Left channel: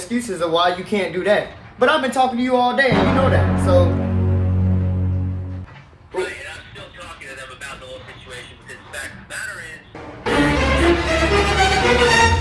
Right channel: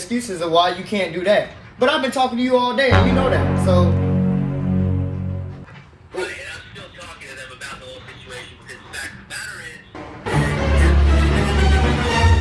Excuses of why you can't do that. But I've been talking to you all day, and you know that. So. Right, and I'm still talking to them about the whole situation because the fact of the matter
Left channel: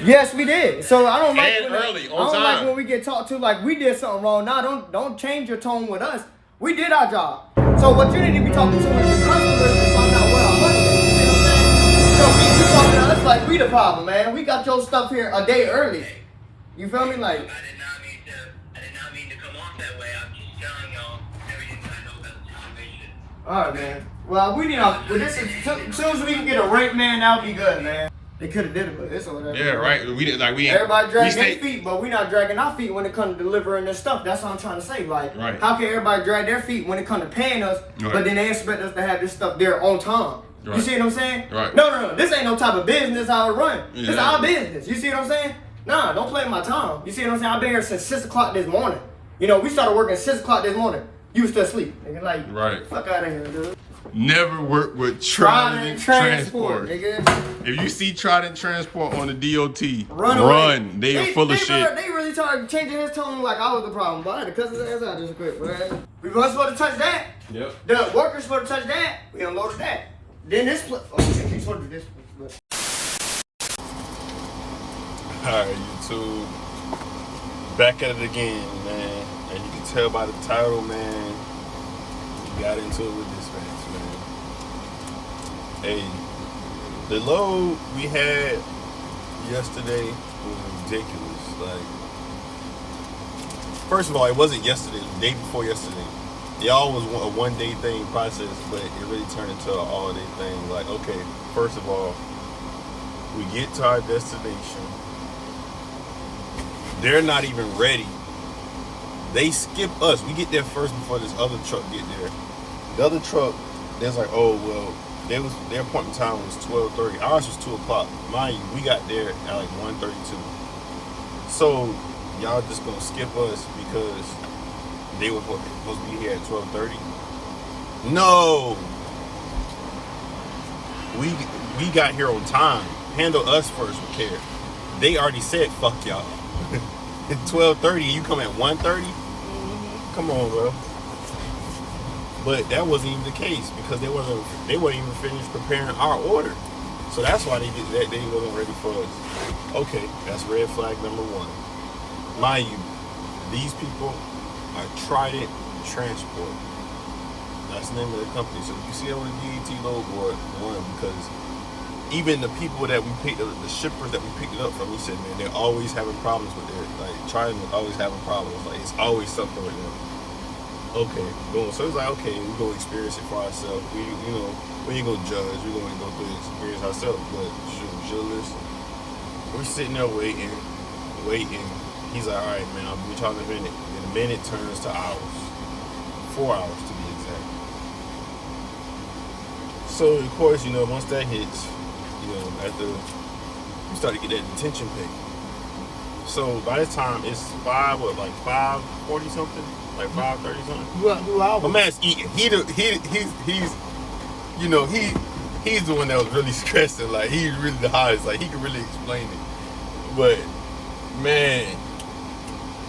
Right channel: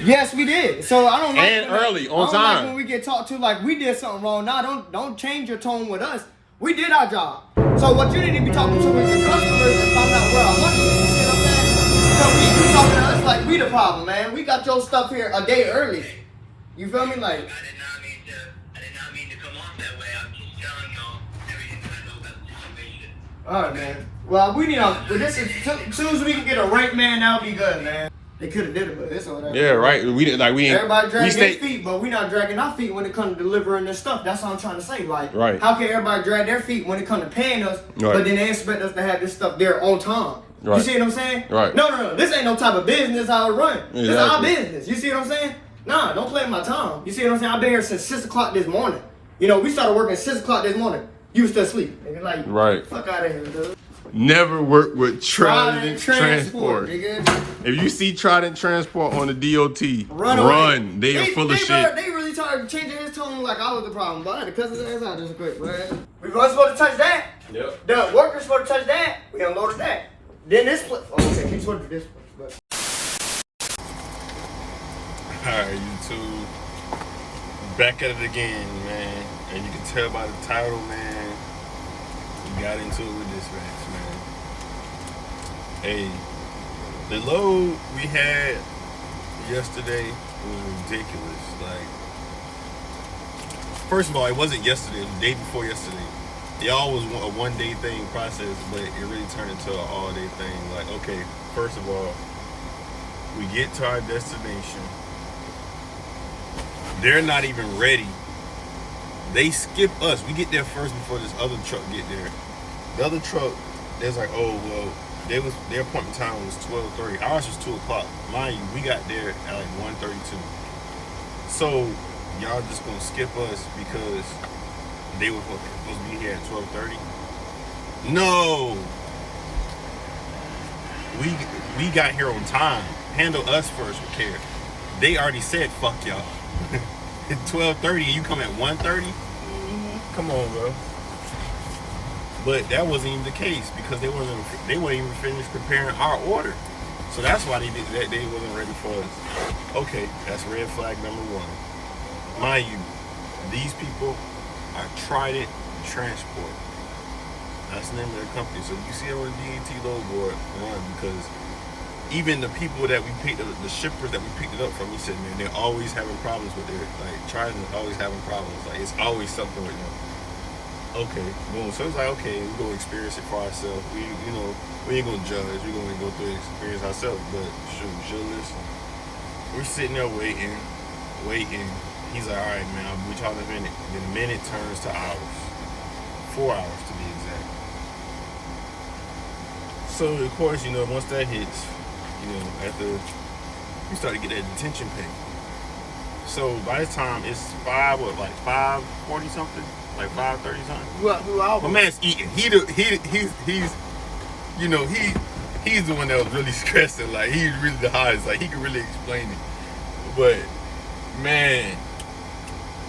is. Yes, we did. So I don't like And early, I on don't time. like when we get talked to like we did something wrong. Now don't change your tone with us. We did our job. So what you need to be talking to is the customers and find out where our money is. You see what I'm saying? So you talking to us like we the problem, man. We got your stuff here a day early. You feel me? Like. I did not mean to come off that way. I'm just telling y'all everything that I know about the situation. All right, man. Well, we need as soon as we can get a rate man, that'll be good, man. They could have did it, but it's all right. Yeah, right. We didn't like we. Everybody dragging we their feet, but we not dragging our feet when it comes to delivering this stuff. That's what I'm trying to say. Like, Right. how can everybody drag their feet when it comes to paying us, Right. but then they expect us to have this stuff there on time? Right. You see what I'm saying? Right. No. This ain't no type of business how it run. This is our Exactly. business. You see what I'm saying? Nah, don't play my time. You see what I'm saying? I've been here since 6 o'clock this morning. You know, we started working at 6 o'clock this morning. You was still asleep. Nigga, like, Right. fuck out of here, dude. Never work with Trident Transport. Nigga. If you see Trident Transport on the DOT, Run away. They are full of shit. They really started changing his tone like I was the problem. But I had to cuss his ass out just quick, man. We was supposed to touch that. Yep. The workers supposed to touch that. We unloaded that. Then this split. Oh, okay, we supposed to do this split. Alright, YouTube. Back at it again, man. And you can tell by the title, man. We got into it with dispatch, man. Hey, the load we had yesterday was ridiculous. Like, first of all, it wasn't yesterday, it was the day before yesterday. Y'all was a one-day thing process, but it really turned into an all-day thing. Like, okay, first of all, we get to our destination. They're not even ready. They skip us. We get there first before this other truck get there. The other truck, they was like, oh, well, their appointment time was 12:30. Ours was 2 o'clock. Mind you, we got there at like 1:32. So y'all just gonna skip us because they were supposed to be here at 12:30? No. We got here on time. Handle us first with care. They already said fuck y'all. At 12:30 and you come at 1:30? Come on, bro. But that wasn't even the case because they weren't even finished preparing our order. So that's why they did that. They wasn't ready for us. Okay, that's red flag number one. Mind you, these people are Trident Transport. That's the name of the company. So you see it on the DAT load board, run, because even the people that we picked up, the shippers that we picked it up from, he said, man, they're always having problems with their, like, Trident is always having problems. Like, it's always something with them. Okay, boom. So it's like, okay, we're going to experience it for ourselves. We ain't going to judge. We're going to go through the experience ourselves. But shoot, we should listen. We're sitting there waiting. He's like, all right, man, I'll be trying a minute. Then a minute turns to hours. 4 hours to be exact. So, of course, you know, once that hits, you know, after you start to get that detention pay. So by the time it's 5:40 something? Like 5:30 something? My man's eating. He's you know, he's the one that was really stressing. Like, he's really the highest. Like, he can really explain it. But man,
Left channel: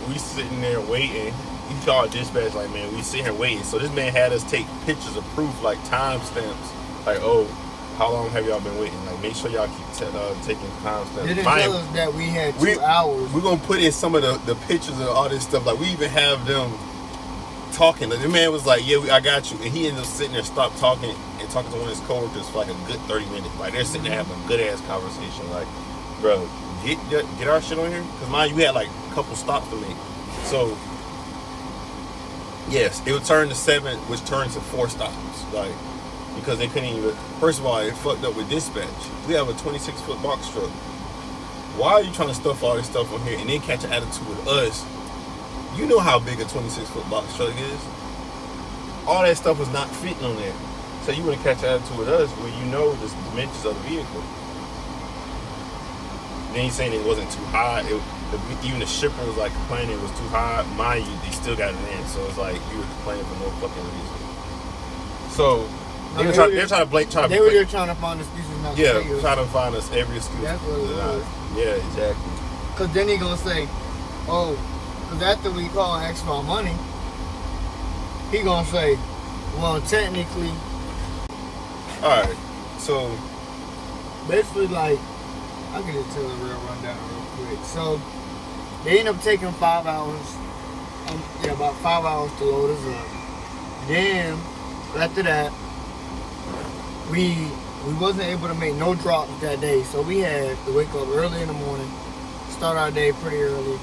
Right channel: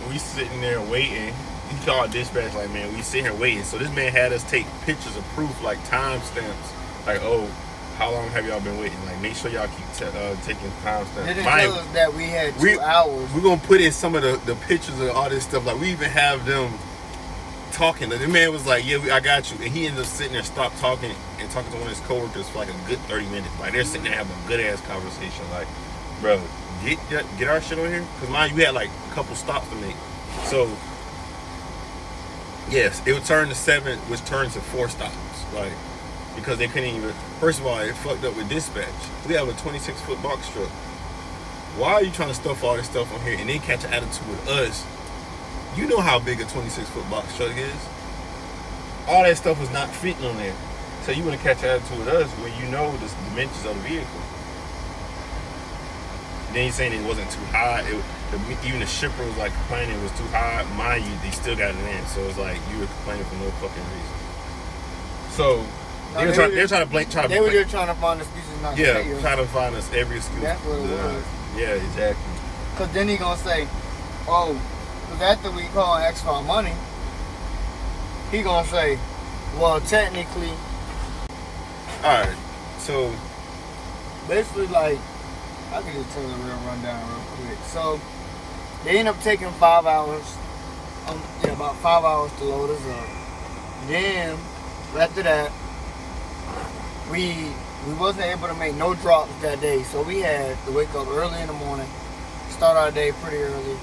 we sitting there waiting. He called dispatch like, man, we sitting here waiting. So this man had us take pictures of proof, like timestamps. Like, oh, how long have y'all been waiting? Like, make sure y'all keep taking timestamps. They didn't tell us that we had 2 hours. We're going to put in some of the pictures of all this stuff. Like, we even have them talking. The man was like, yeah, I got you. And he ended up sitting there, stopped talking, and talking to one of his coworkers for like a good 30 minutes. Like, they're sitting there having a good-ass conversation. Like, bro, get our shit on here. Because, mind you, we had like a couple stops to make. So, yes, it would turn to 7, which turns to 4 stops. Like, because they couldn't even, first of all, it fucked up with dispatch. We have a 26-foot box truck. Why are you trying to stuff all this stuff on here and then catch an attitude with us? You know how big a 26-foot box truck is. All that stuff was not fitting on there. So you want to catch an attitude with us where you know the dimensions of the vehicle. Then he's saying it wasn't too high. Even the shipper was like complaining it was too high. Mind you, they still got it in. So it's like you were complaining for no fucking reason. So They were trying to blame. They were just trying to find excuses not to Yeah, pay us. try to find us every excuse. That's what it was. Yeah, exactly. Cause then he gonna say, oh, cause after we call and ask for our money, he gonna say, well, technically, All right, so basically, like, I could just tell the real rundown real quick. So they end up taking 5 hours. About 5 hours to load us up. Then after that, we wasn't able to make no drops that day, so we had to wake up early in the morning, start our day pretty early.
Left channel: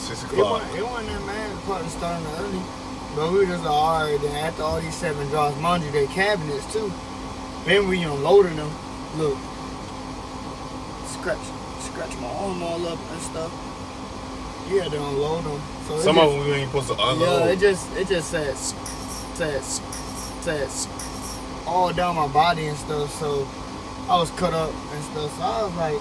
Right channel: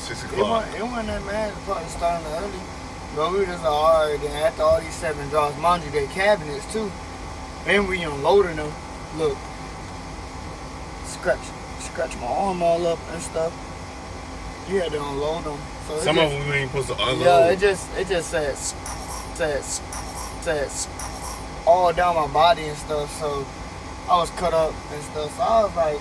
6 It o'clock. wasn't that bad, probably starting early. But we were just like, alright, then after all these 7 drops, mind you, they cabinets too. Then we unloading them. Look, scratch my arm all up and stuff. You had to unload them. So Some of them we ain't supposed to unload. yeah, it just said all down my body and stuff. So I was cut up and stuff. So I was like,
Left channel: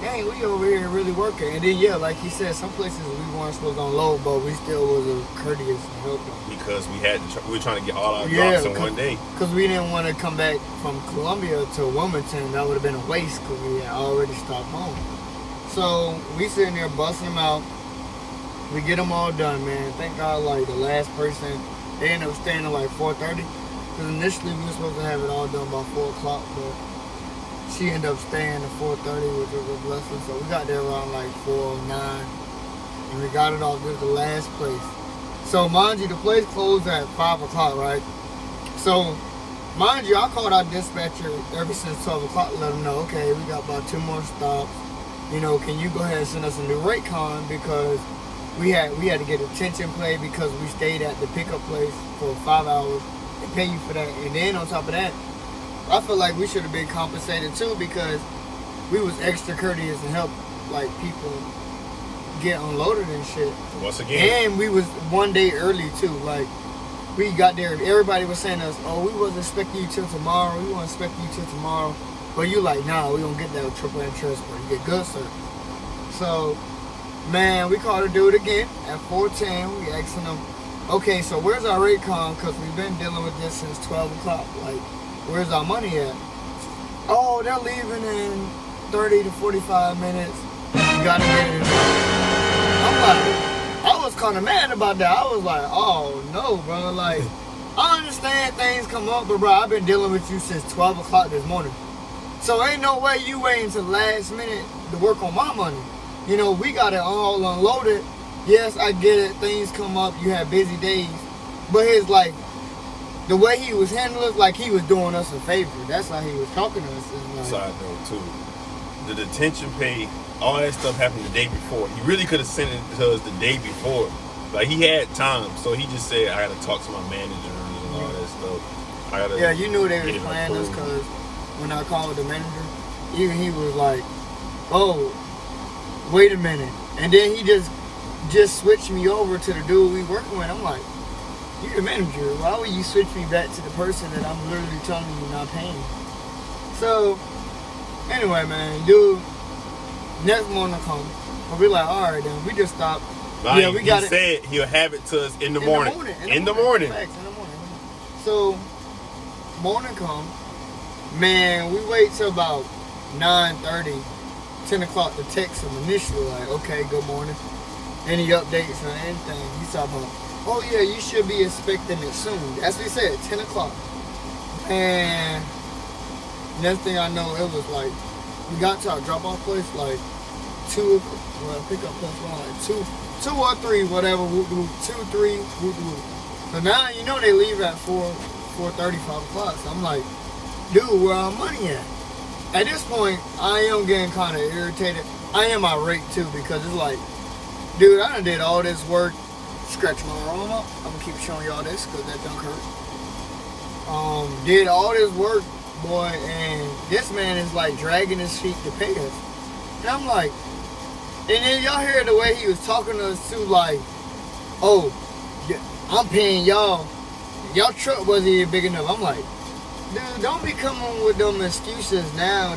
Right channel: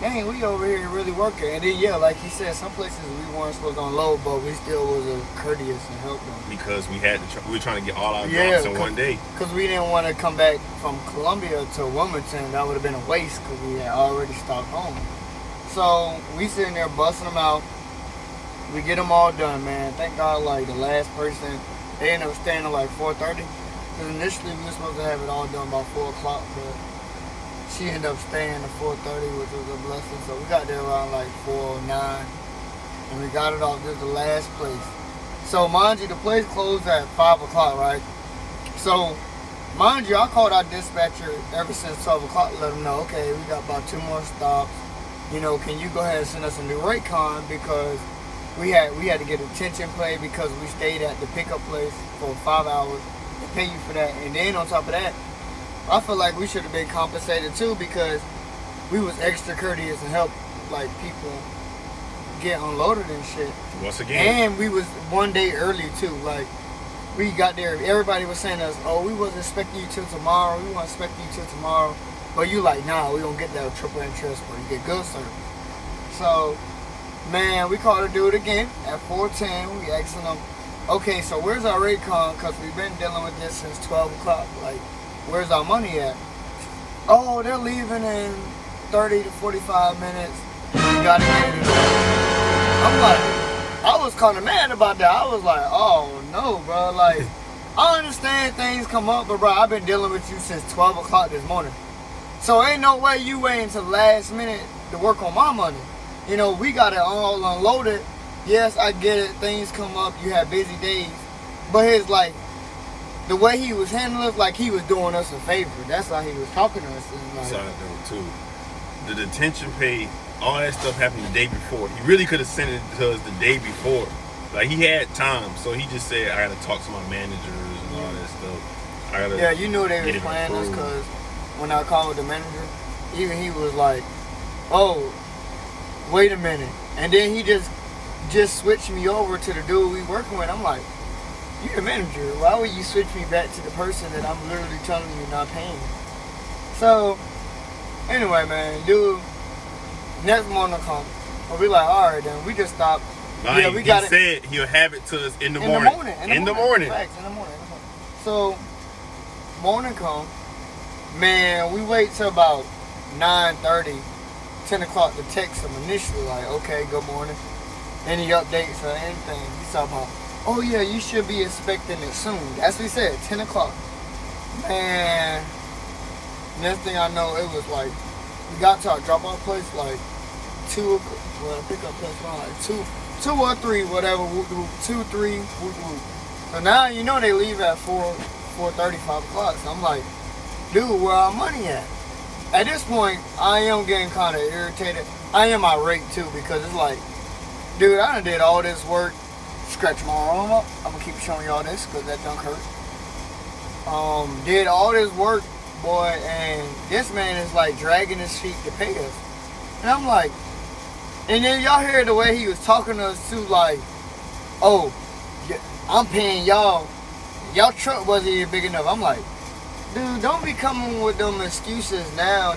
dang, we over here really working. And then yeah, like he said, some places we weren't supposed to unload, but we still was courteous and helped them. Because we were trying to get all our drops in one day. Because we didn't want to come back from Columbia to Wilmington. That would have been a waste because we had already stopped home. So we sitting there busting them out. We get them all done, man. Thank God, like, the last person, they ended up staying at like 4:30. Because initially we were supposed to have it all done by 4 o'clock, but she ended up staying to 4:30, which was a blessing. So we got there around like 4:09. And we got it off. This is the last place. So mind you, the place closed at 5 o'clock, right? So, mind you, I called our dispatcher ever since 12 o'clock to let them know, okay, we got about 2 more stops. You know, can you go ahead and send us a new rate con, because we had to get attention play because we stayed at the pickup place for 5 hours to pay you for that. And then on top of that, I feel like we should have been compensated too, because we was extra courteous and helped like people get unloaded and shit. Once again. And we was 1 day early too. Like, we got there, everybody was saying to us, oh, we wasn't expecting you till tomorrow. We weren't expecting you till tomorrow. But you like, nah, we don't get that AAA transport. You get good service. So, man, we called a dude again at 4:10. We asking them, okay, so where's our rate con? Because we've been dealing with this since 12 o'clock. Like, where's our money at? Oh, they're leaving in 30 to 45 minutes. You got to get it. I'm like, I was kind of mad about that. I was like, oh, no, bro. Like, I understand things come up, but, bro, I've been dealing with you since 12 o'clock this morning. So ain't no way you waiting till the last minute to work on my money. You know, we got it all unloaded. Yes, I get it. Things come up. You have busy days. But his, like, the way he was handling it, like he was doing us a favor. That's how he was talking to us. Like, Side note, too. The detention pay, all that stuff happened the day before. He really could have sent it to us the day before. Like, he had time. So he just said, I got to talk to my managers and all that stuff. I gotta yeah, you knew they get was it playing us, approved. because when I called with the manager, even he was like, oh, wait a minute. And then he just switched me over to the dude we working with. I'm like, you're the manager. Why would you switch me back to the person that I'm literally telling you not paying? So, anyway, man, dude, next morning come. Well, we like, all right, then. We just stopped. Like, yeah, we he got it. said he'll have it to us in the In morning. the morning. In the morning. Facts, in the morning. So, morning come. Man, we wait till about 9:30, 10 o'clock to text him initially, like, okay, good morning. Any updates or anything. He's talking about, oh yeah, you should be expecting it soon. That's what he said, 10 o'clock. And next thing I know, it was like, we got to our drop-off place, like, pickup place, like, 2 or 3, whatever, 2, 3, whoop. So now, you know, they leave at 4:30, 5 o'clock. So I'm like, dude, where our money at? At this point, I am getting kind of irritated. I am irate too, because it's like, dude, I done did all this work, scratch my arm up. I'm gonna keep showing y'all this because that done hurt. Did all this work, boy, and this man is like dragging his feet to pay us. And I'm like, and then y'all hear the way he was talking to us too, like, oh, I'm paying y'all. Y'all truck wasn't even big enough. I'm like, dude, don't be coming with them excuses now,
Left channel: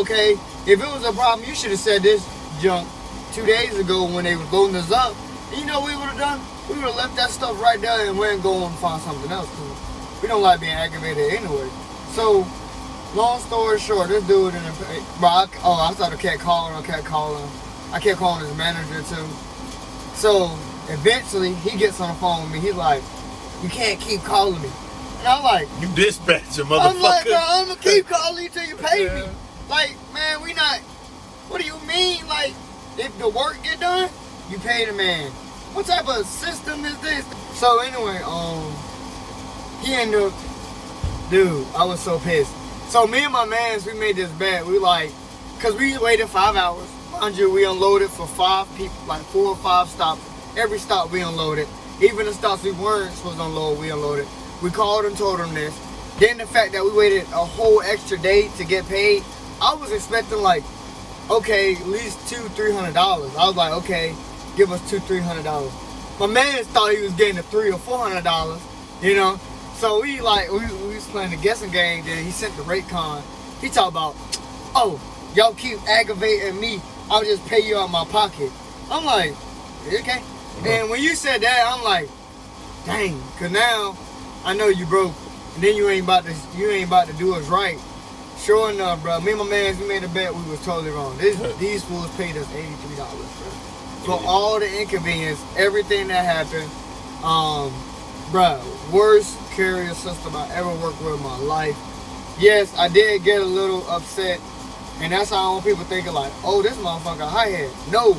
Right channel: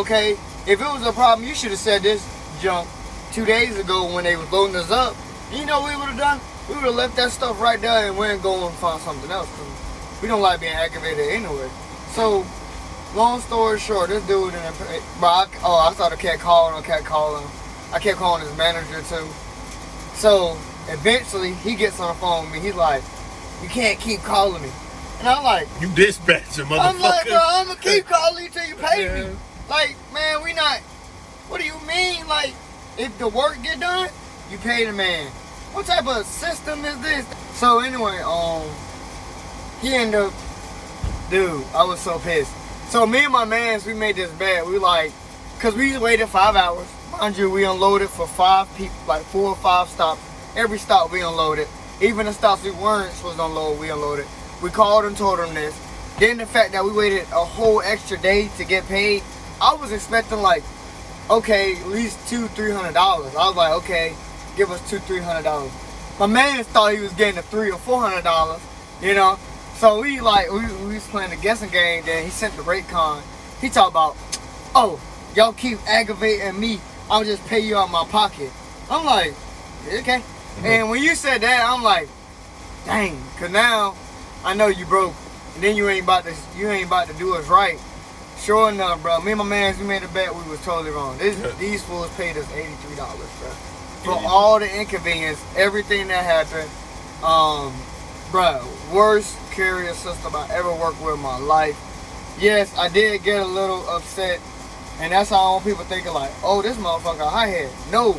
okay? If it was a problem, you should have said this junk 2 days ago when they was loading us up. You know what we would have done? We would have left that stuff right there and went and go and find something else. We don't like being aggravated anyway. So, long story short, this dude in the, bro, I started kept calling him. I kept calling his manager too. So, eventually, he gets on the phone with me. He's like, you can't keep calling me. And I'm like, You dispatcher, motherfucker. I'm like, bro, I'm gonna keep calling you till you pay me. Like, man, we not. What do you mean? Like, if the work get done, you pay the man. What type of system is this? So anyway, he ended up, dude, I was so pissed. So me and my mans, we made this bet. We like, cause we waited 5 hours. Mind you, we unloaded for 5 people, like 4 or 5 stops. Every stop we unloaded. Even the stops we weren't supposed to unload, we unloaded. We called and told them this. Then the fact that we waited a whole extra day to get paid, I was expecting like, okay, at least $200-300. I was like, okay, give us $200-300. My man thought he was getting a $300 or $400, you know. So we was playing the guessing game. Then he sent the rate con. He talked about, oh, y'all keep aggravating me. I'll just pay you out of my pocket. I'm like, okay. And when you said that, I'm like, dang, cause now I know you broke, and then you ain't about to do us right. Sure enough, bro. Me and my man, we made a bet. We was totally wrong. These fools paid us $83, bro, for all the inconvenience, everything that happened. Bro, worst carrier system I ever worked with in my life. Yes, I did get a little upset, and that's how people thinking like, oh, this motherfucker high head. No.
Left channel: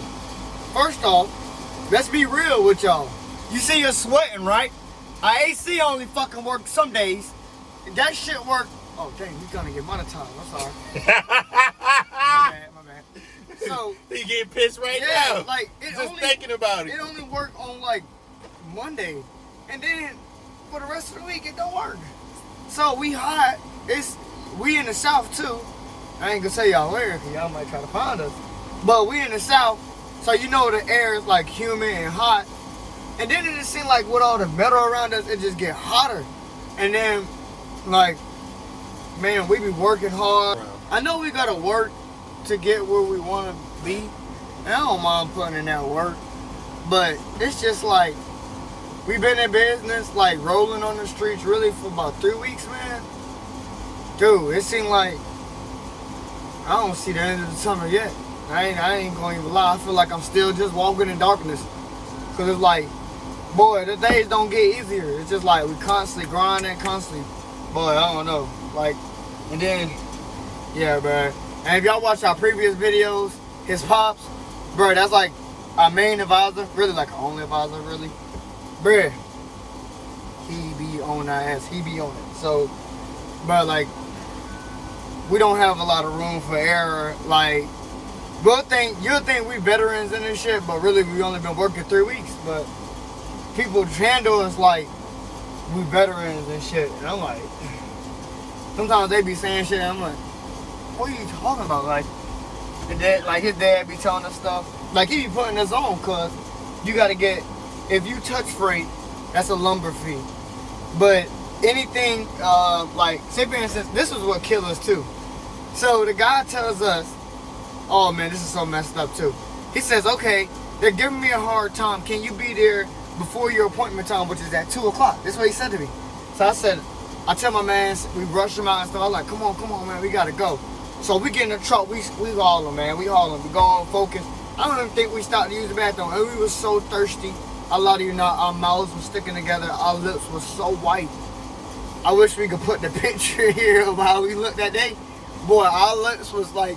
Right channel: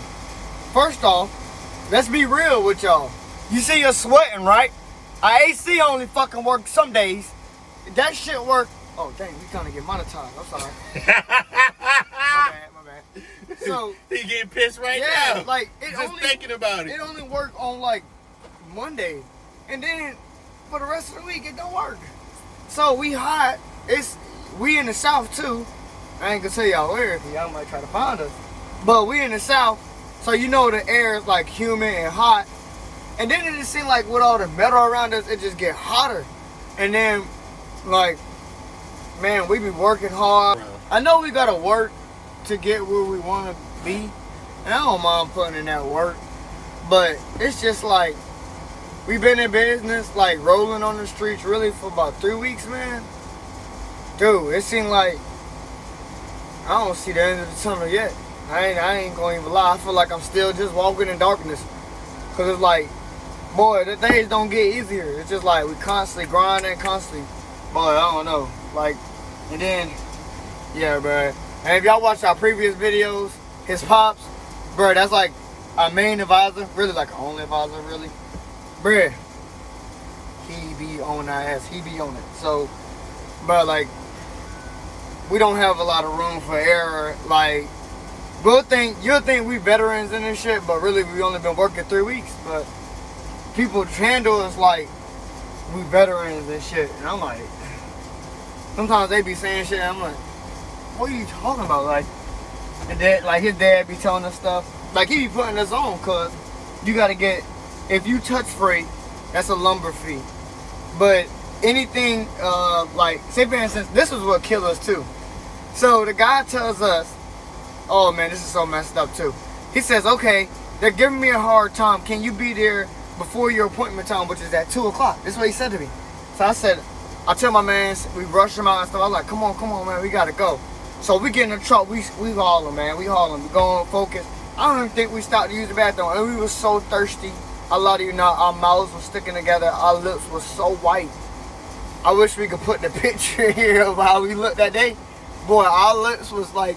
First off, let's be real with y'all. You see you're sweating, right? Our AC only fucking works some days. That shit work. Oh, dang, you gonna get monetized. I'm sorry. my bad. So, he getting pissed right now. Like, just thinking about it. It only worked on like Monday. And then for the rest of the week, it don't work. So we hot. We in the South too. I ain't gonna tell y'all where, because y'all might try to find us. But we in the South, so you know the air is like humid and hot. And then it just seemed like with all the metal around us, it just get hotter. And then, like, man, we be working hard. I know we gotta work to get where we wanna be. And I don't mind putting in that work. But it's just like, we've been in business, like rolling on the streets really for about 3 weeks, man. Dude, it seemed like I don't see the end of the tunnel yet. I ain't gonna even lie. I feel like I'm still just walking in darkness. Cause it's like, boy, the days don't get easier. It's just like we constantly grinding, constantly. Boy, I don't know. Like, and then, yeah, bro. And if y'all watch our previous videos, his pops, bro, that's like our main advisor, really like our only advisor, really. Bruh, he be on that ass. He be on it. So, bro, like, we don't have a lot of room for error. Like, you'll think we veterans in this shit, but really we only been working 3 weeks. But people handle us like we veterans and shit. And I'm like, sometimes they be saying shit and I'm like, what are you talking about? Like, his dad be telling us stuff. Like, he be putting us on, cause you gotta get, if you touch freight, that's a lumber fee. But anything, like, say for instance, this is what killed us too. So the guy tells us, oh man, this is so messed up too. He says, okay, they're giving me a hard time. Can you be there before your appointment time, which is at 2 o'clock? That's what he said to me. So I said, I tell my man, we rush him out and stuff. I'm like, come on, man, we gotta go. So we get in the truck, we hauling, man, we hauling, we going focus. I don't even think we stopped to use the bathroom, and we was so thirsty. A lot of you know, our mouths were sticking together, our lips were so white. I wish we could put the picture here of how we looked that day. Boy, our lips was like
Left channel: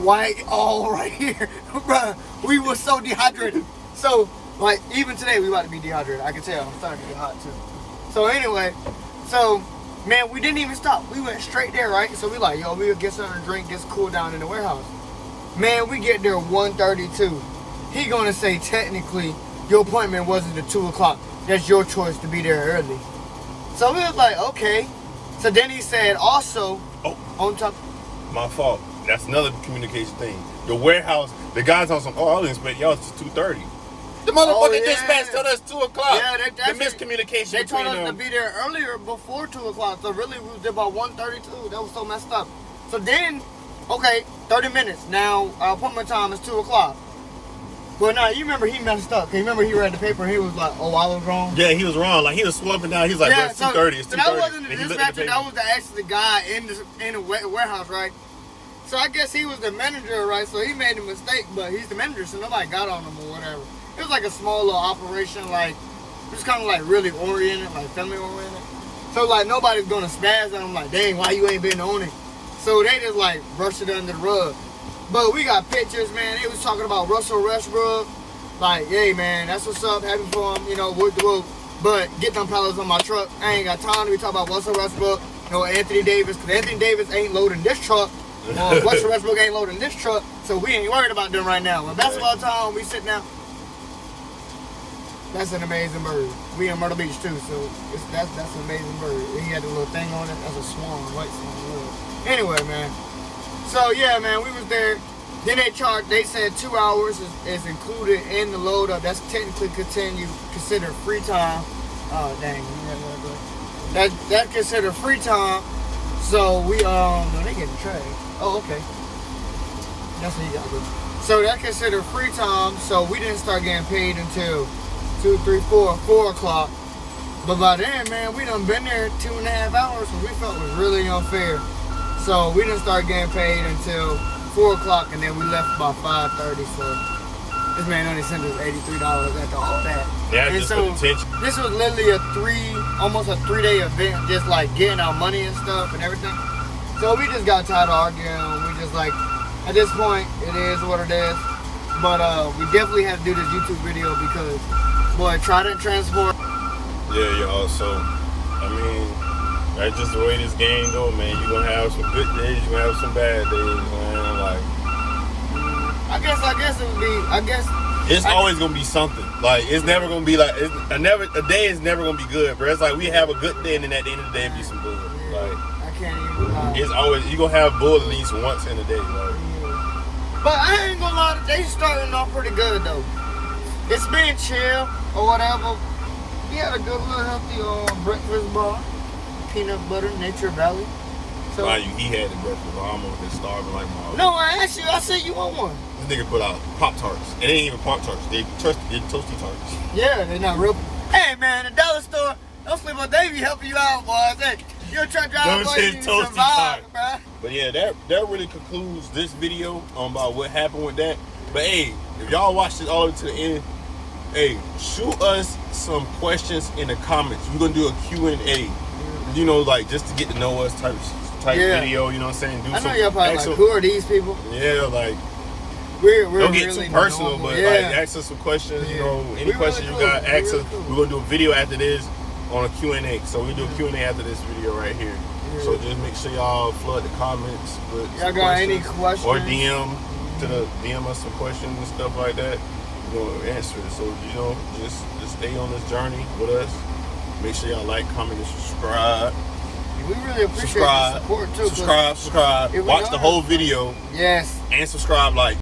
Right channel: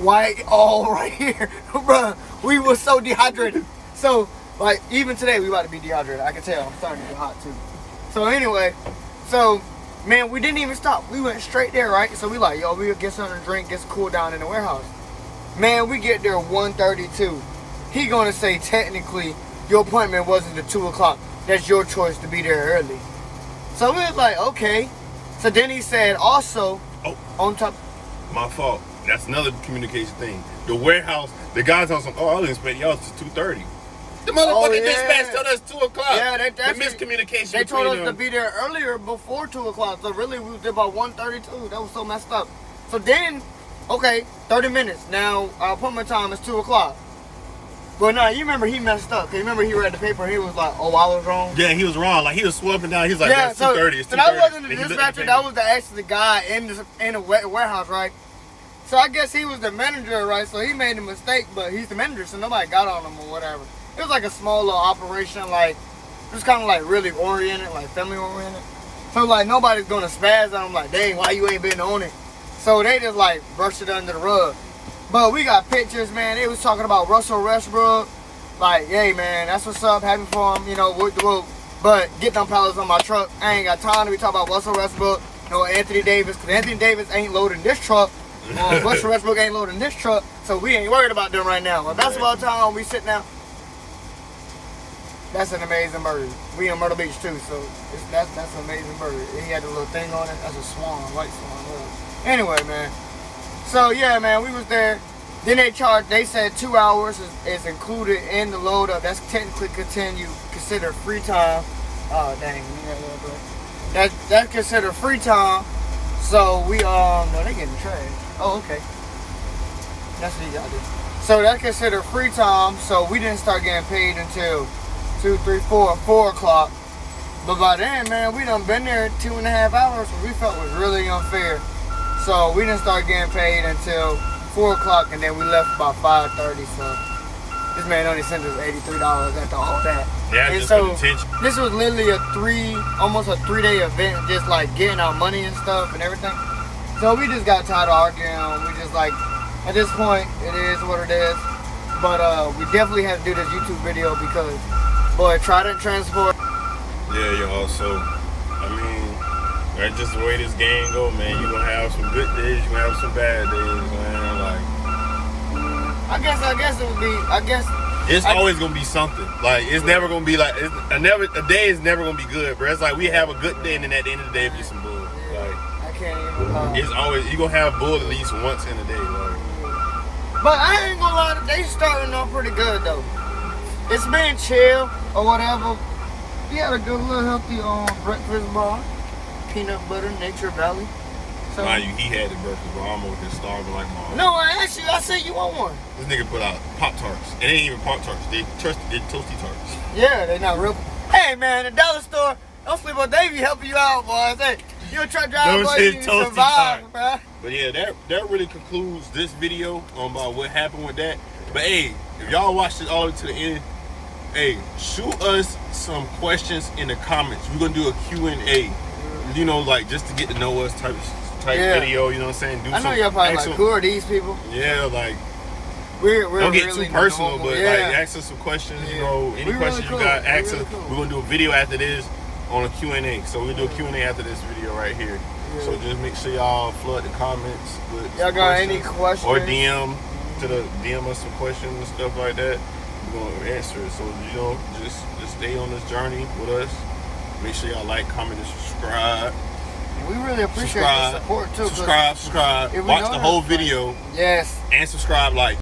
white all right here. Bruh, we were so dehydrated. So, like, even today we about to be dehydrated. I can tell, I'm starting to get hot too. So anyway, man, we didn't even stop. We went straight there, right? So we like, yo, we'll get something to drink, get some cool down in the warehouse. Man, we get there 1:32. He gonna say technically your appointment wasn't at 2 o'clock. That's your choice to be there early. So we was like, okay. So then he said also, on top. My fault. That's another communication thing. The warehouse, the guys on some, I didn't expect y'all to 2:30. The motherfucking dispatch told us 2 o'clock. Yeah, the miscommunication. They told us to be there earlier before 2 o'clock. So really we was there about 1:32. That was so messed up. So then, okay, 30 minutes. Now our appointment time is 2 o'clock. But no, you remember he messed up. Cause you remember he read the paper and he was like, "Oh, I was wrong." Yeah, he was wrong. Like he was swapping down. He's like, Yeah, "It's 2:30. It's 2:30." So that wasn't the Then he looked at the dispatcher. That paper. was actually the guy in the warehouse, right? So I guess he was the manager, right? So he made a mistake, but he's the manager, so nobody got on him or whatever. It was like a small little operation, like just kind of like really oriented, like family oriented. So like nobody's gonna spaz on him, like, "Dang, why you ain't been on it?" So they just like brushed it under the rug. But we got pictures, man. They was talking about Russell Westbrook. Like, "Hey, man, that's what's up. Happy for him, you know, whoop the whoop. But get them pallets on my truck. I ain't got time to be talking about Russell Westbrook, no Anthony Davis, because Anthony Davis ain't loading this truck. Russell Westbrook ain't loading this truck, so we ain't worried about them right now. When basketball time, we sit down. That's an amazing bird. We in Myrtle Beach too, so that's an amazing bird. And he had the little thing on it. That's a swan, white swan. Well, anyway, man. So yeah, man, we was there. Then they said 2 hours is included in the load up. That's technically considered free time. Oh dang, that's considered free time. So we no, they getting trash. Oh, okay. That's what he got there. So that considered free time. So we didn't start getting paid until 2, 3, 4 o'clock. But by then, man, we done been there 2.5 hours, and we felt it was really unfair. So we didn't start getting paid until 4 o'clock, and then we left about 5:30. So this man only sent us $83 after all that. Yeah, and just so for the attention. this was literally almost a 3-day event, just like getting our money and stuff and everything. So we just got tired of arguing. We just like, at this point, it is what it is. But we definitely have to do this YouTube video because, boy, Trident Transport. Yeah, y'all. So, I mean, that's just the way this game go, man. You're gonna have some good days, you're gonna have some bad days, man. Like, I guess it would be. it's always gonna be something. Like, it's never gonna be like a day is never gonna be good, bro. It's like we have a good day, and then at the end of the day, it be some bull. Like, I can't even lie. it's always you're gonna have bull at least once in a day. Like, But I ain't gonna lie, they starting off pretty good though. It's been chill or whatever. We had a good little healthy breakfast bar, peanut butter, Nature Valley. So, mind you, he had the breakfast, but I'm over here starving like Mars. no, I asked you. I said you want one. This nigga put out Pop-Tarts. It ain't even Pop-Tarts. They toasty tarts. Yeah, they're not real. Hey man, the dollar store. Don't sleep on Davey helping you out, boy. Hey, you're a truck driver, Those boy. shit You toasty survive, tarts. bro. But yeah, that really concludes this video about what happened with that. But hey, if y'all watched it all the way to the end, hey, shoot us some questions in the comments. We're gonna do a Q&A. You know, like just to get to know us type video. You know what I'm saying? I know y'all probably like, who are these people? Yeah, like we're don't get really too personal, normal. but Yeah. like ask us some questions. Yeah. You know, any We questions really you got, cool. ask We really us. cool. We're gonna do a video after this on a Q&A. So we'll do a Q&A after this video right here. Yeah. So just make sure y'all flood the comments with Y'all some got any questions. questions? Or DM us some questions and stuff like that. We're gonna answer it. So you know, just stay on this journey with us. Make sure y'all like, comment, and subscribe. We really appreciate the support too. 'cause Subscribe. if we Watch know the that- whole video Yes. and subscribe. Like.